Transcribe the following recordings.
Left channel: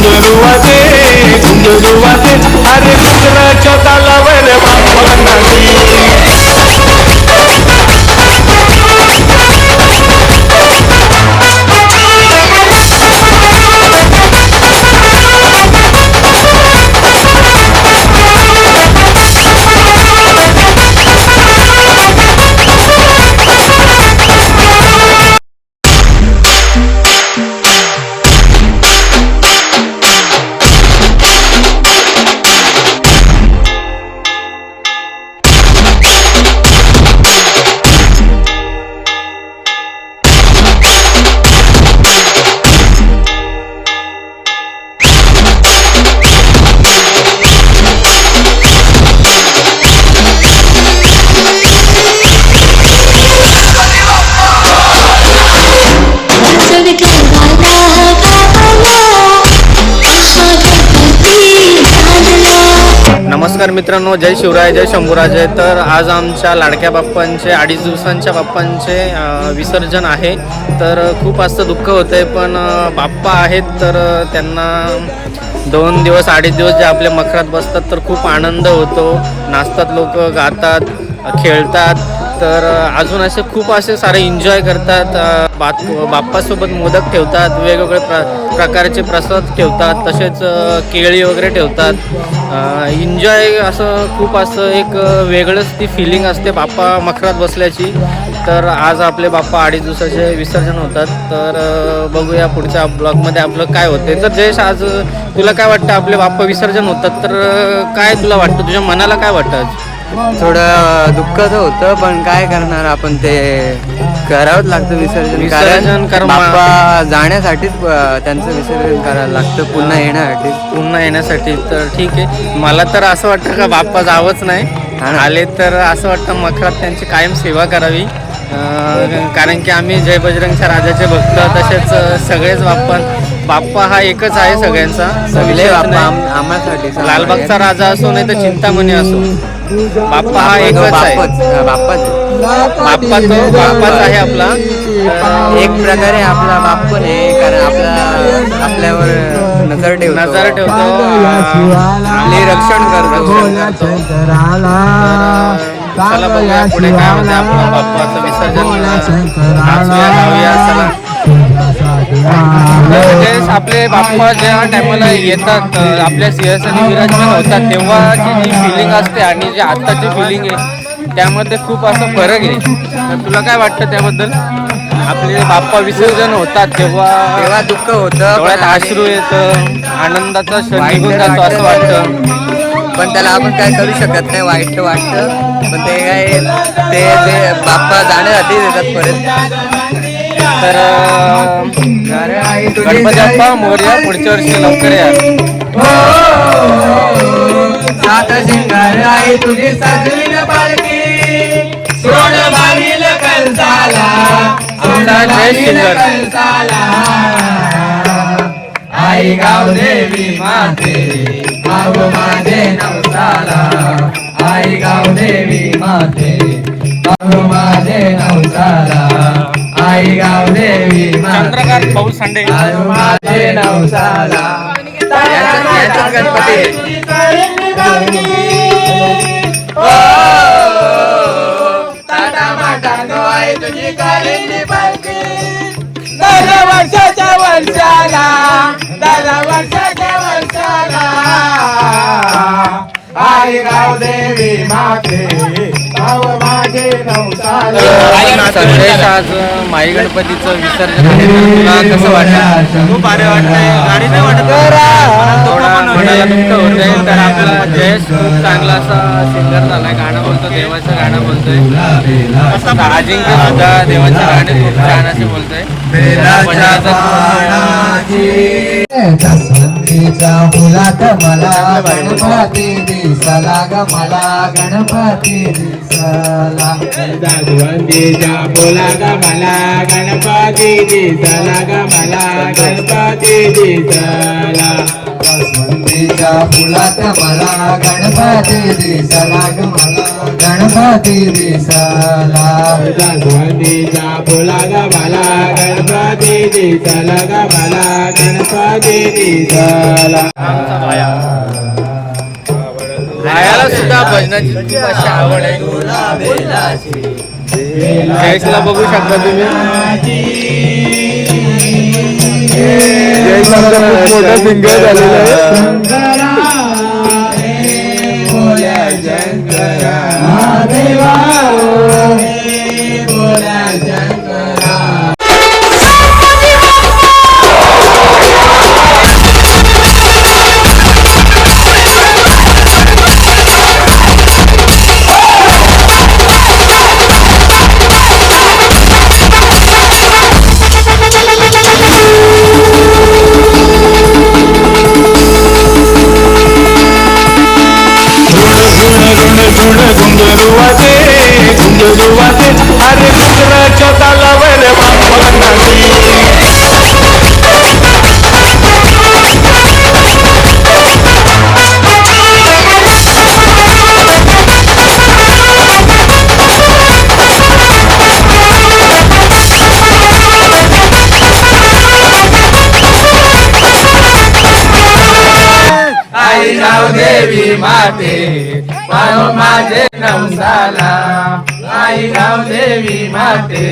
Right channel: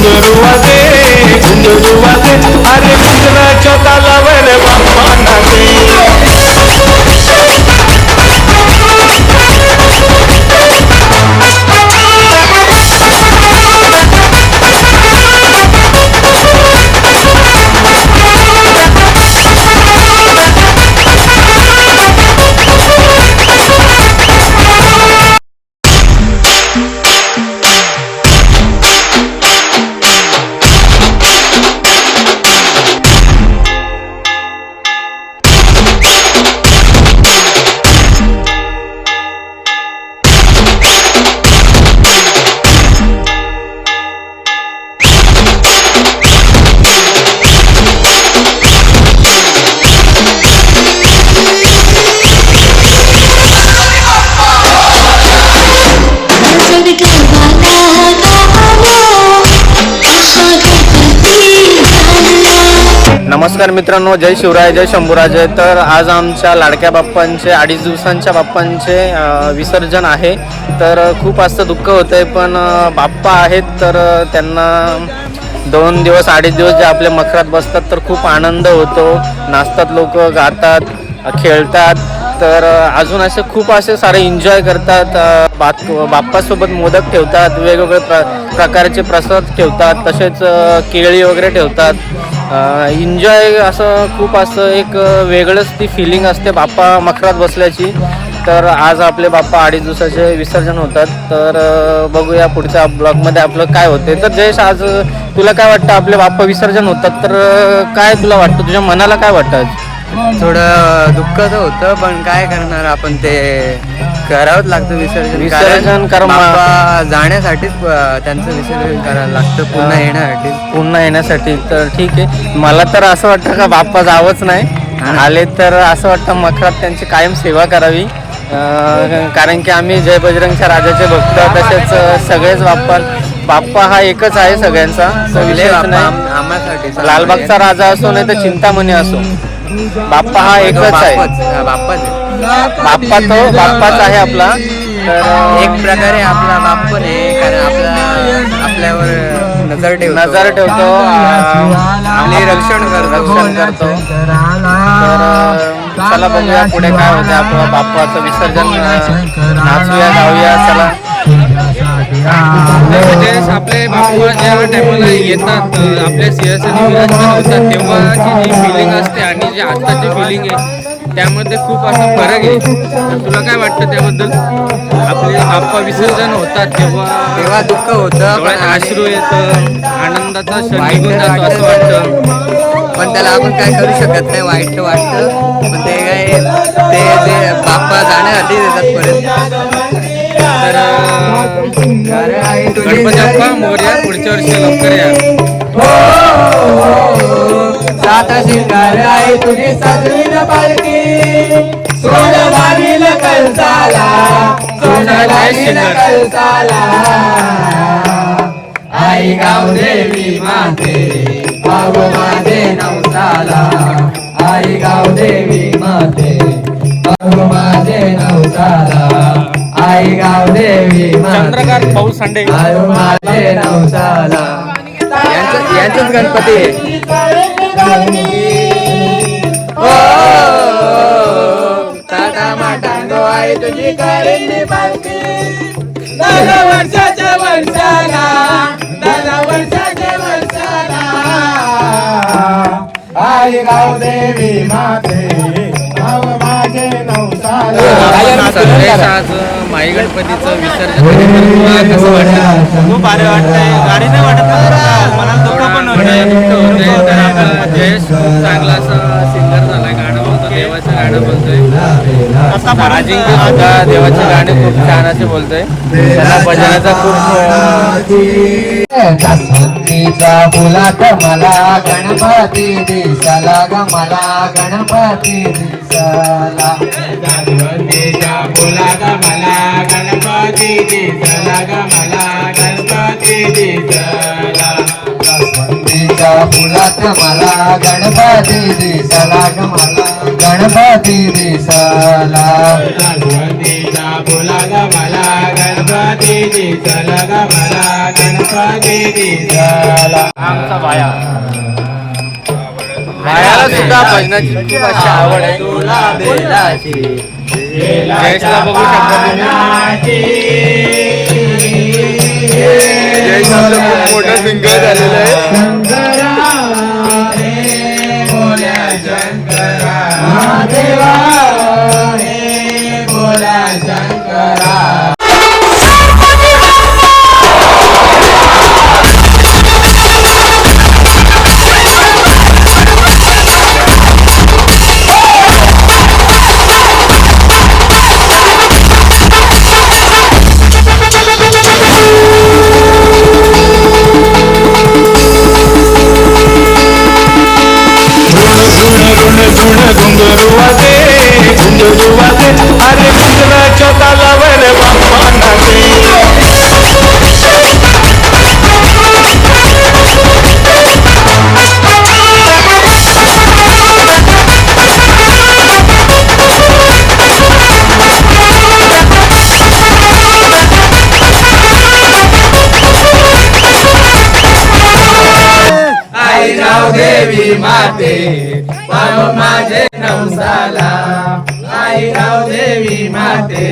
घुंगरू वाजे अरे कुंकणाच्या तालावर बाप्पा नाचे. नमस्कार मित्रांनो, जय शिवराय, जय शंभूराजे. तर आज आमच्या लाडक्या बाप्पांचे 2.5 दिवसांच्या बाप्पांचे विसर्जन आहे. तर खूप असं दुःख होतं आहे, पण बाप्पा आहेत तर त्यांना 2 दिवस 2.5 दिवस जे आपल्या मखरात बसतात तर खूप आनंद होतो. नाचतात लोक, गातात, खेळतात. तर अजून असे खूप असे सारे एन्जॉय करतात. बाप्पासोबत मोदक ठेवतात, वेगवेगळे प्रकारचे प्रसाद ठेवतात, तसेच केळी वगैरे ठेवतात. एन्जॉय असं खूप असं एक वेगळंच ती फिलिंग असते बाप्पा मखरात बसल्याची. तर आज आपले बाप्पा 2.5 दिवसाचे विसर्जन होतात. तर बघूया पुढच्या ब्लॉगमध्ये आपलं काय होते. तर जयेश, आज तुला काय वाटतं? आपले बाप्पा विसर्जन होतात तर काय तुला वाटतं, तुझ्या मनाला काय वाटतं? आज थोडं दुःख तर होतं, पण काय करणार, आपण ते करावंच लागतं विसर्जन. कारण बाप्पा जाण्यासाठीच त्यांचं विसर्जन करायला लागतं, पुन्हा येण्यासाठी. तर ठीक आहे, मला तर असं वाटतं का बाप्पा जावंच नाही, आले तर असं वाटतं मखरात त्यांची कायम सेवा करावी. कारण की आम्ही जय बजरंगच्या राजाचे भक्त, तसेच सगळेच बाप्पा हा एकच आहे सगळ्यांचा, विषयच नाही. आम्हासाठी लालबागचा राजा असो नाही तर चिंतामणी असो, बाप्पा हा एकच आहे. बाप्पाच आहे आपला. तर एक प्रकारे आपला बाप्पा नाही, कारण आपल्यावर नजर ठेवतो, आम्ही रक्षण करतो. तर चला बघूया पुढे काय होते. आपलं बाप्पाचं विसर्जन, नाचूया, गाऊया, चला. तर आपले बाप्पा ज्या टायमाला येतात, आपल्या सिंहासनी विराजमान होतात, तेव्हाची जी फिलिंग असते आणि जी आत्ताची फिलिंग आहे त्यामध्ये खूप असा फरक आहे. तर तुला काय वाटतं त्याबद्दल? आपले बाप्पा विसर्जन होतात तेव्हा दुःख होतं, डोळ्यात अश्रू येतं, आनंदाचा क्षण निघून जातो असं वाटतं. पण त्याला आपण काय करू शकत नाही, वाईट वाटतं. पण ते काय, ते बाप्पा जाण्यासाठी देतात परत. तर गणपती बाप्पा मोरया, पुढच्या वर्षी लवकर या. सात शिंगार आहे तुझी साजवी पालखी, सोड मागील कळसाला, आई गाव देवी माते, भाव माझे नवसाला, आई गाव देवी माते, भाव माझे नवसाला, आई गाव देवी चंद्रकांत पाऊल सांडे माझे नवसाला. यांचंच गणपती. वर्षाच्या वर्षाला आई गाव देवी माते, गाव माझे नवसाला. संदेश, आज माई गणपतीचं विसर्जन आहे, तर तुला कसं वाटतं? खूप भारी वाटतंय. गाडी नाही वाटत, मनाला दुःख होतंय. तर आपला जयेश खूप चांगला असा सिंगर झालाय, गाणं बोलतो, देवाचं गाणं बोलतोय. तसं अजिंक्य सुद्धा देवाचं गाणं खूप छान असं बोलतोय. भजनाचा खूप जास्वंदीच्या फुलात मला गणपती दिसाला ग, मला गणपती दिसाला. जास्वंदीच्या फुलात मला गणपती दिसला ग, मला गणपती दिसला. जास्वंदीच्या फुलात मला गणपती दिसला ग मला गणपती दिसला जास्वंदीच्या फुलाग मला गणपती दिसला ग मला गणपती दिसला. आमचा भायाला सुद्धा भजनाची खूप अशी आवड आहे. जयेशला बघू शकता तुम्ही. मोठा सिंगर झालेला आहे. शंकरा रे बोल्या शंकरा महादेवा रे बोल्या शंकरा. घुंगरू वाजे अरे घुंगराच्या तालावर बाप्पा नाचे. आई गाव देवी माते पाव माझे नवसाला. आई गाव देवी माते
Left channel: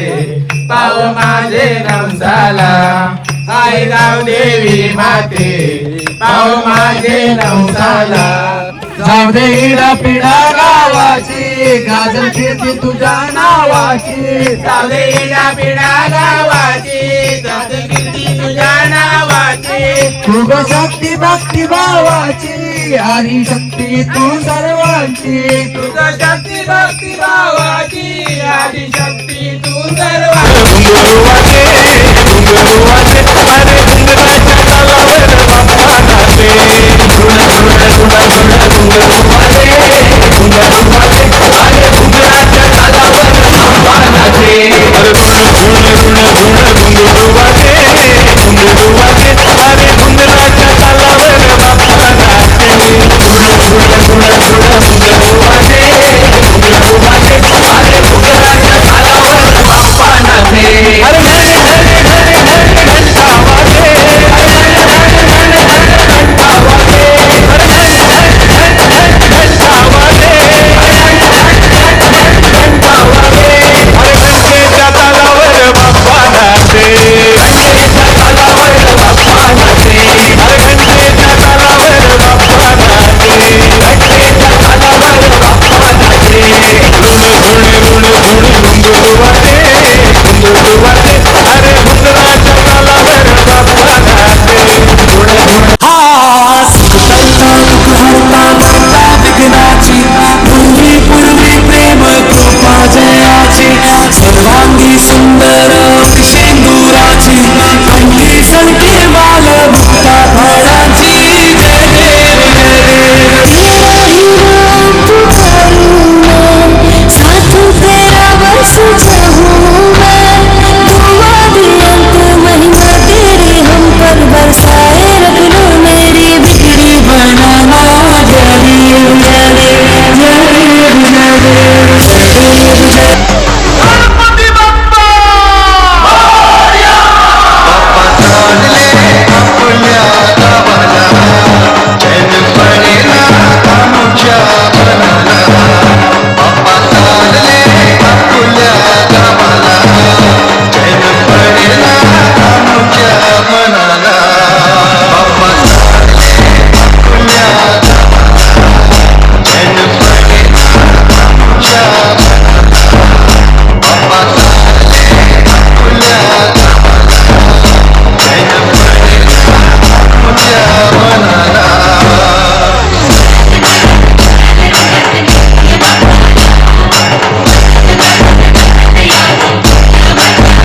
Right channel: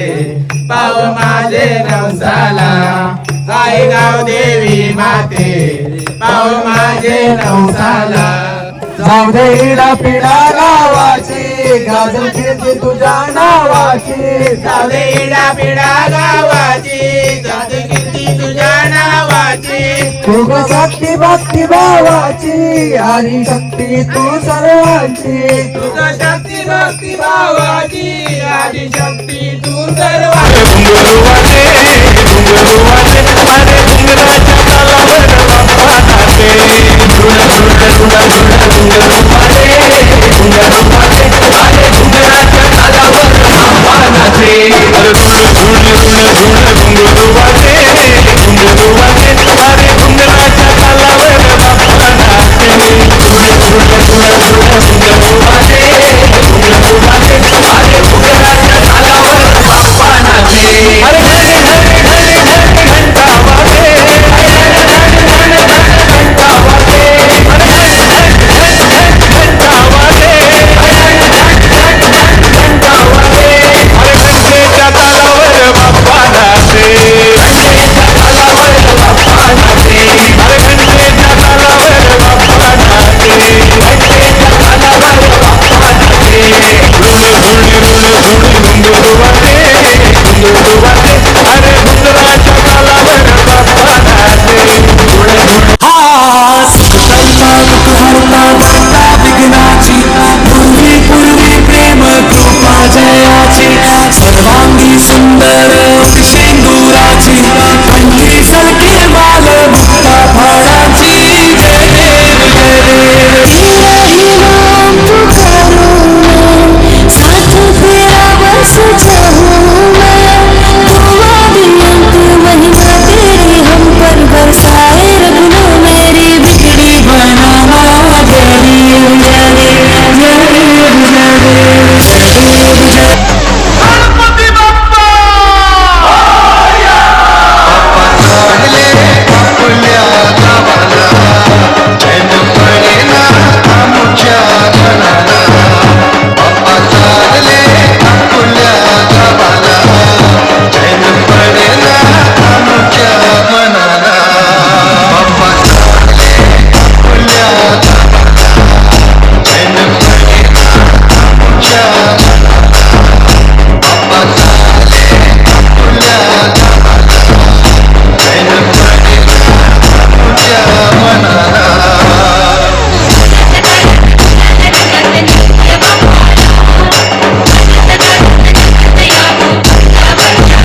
पाव माझे नवसाला. आई गाव देवी माते पाव माझे नवसाला. जाऊ दे हिला पिढा गावाची गाजल कीर्ती तुझ्या नावाची. जाऊ दे हिला पिढा गावाची गाजल कीर्ती तुझ्या नावाची. तुझ शक्ती भक्ती भावाची हरी शक्ती तू सर्वांची. तुझ शक्ती भक्ती भावाची हरी शक्ती तू सर्वांची. घुंगरू वाजे अरे घुंगराच्या तालावर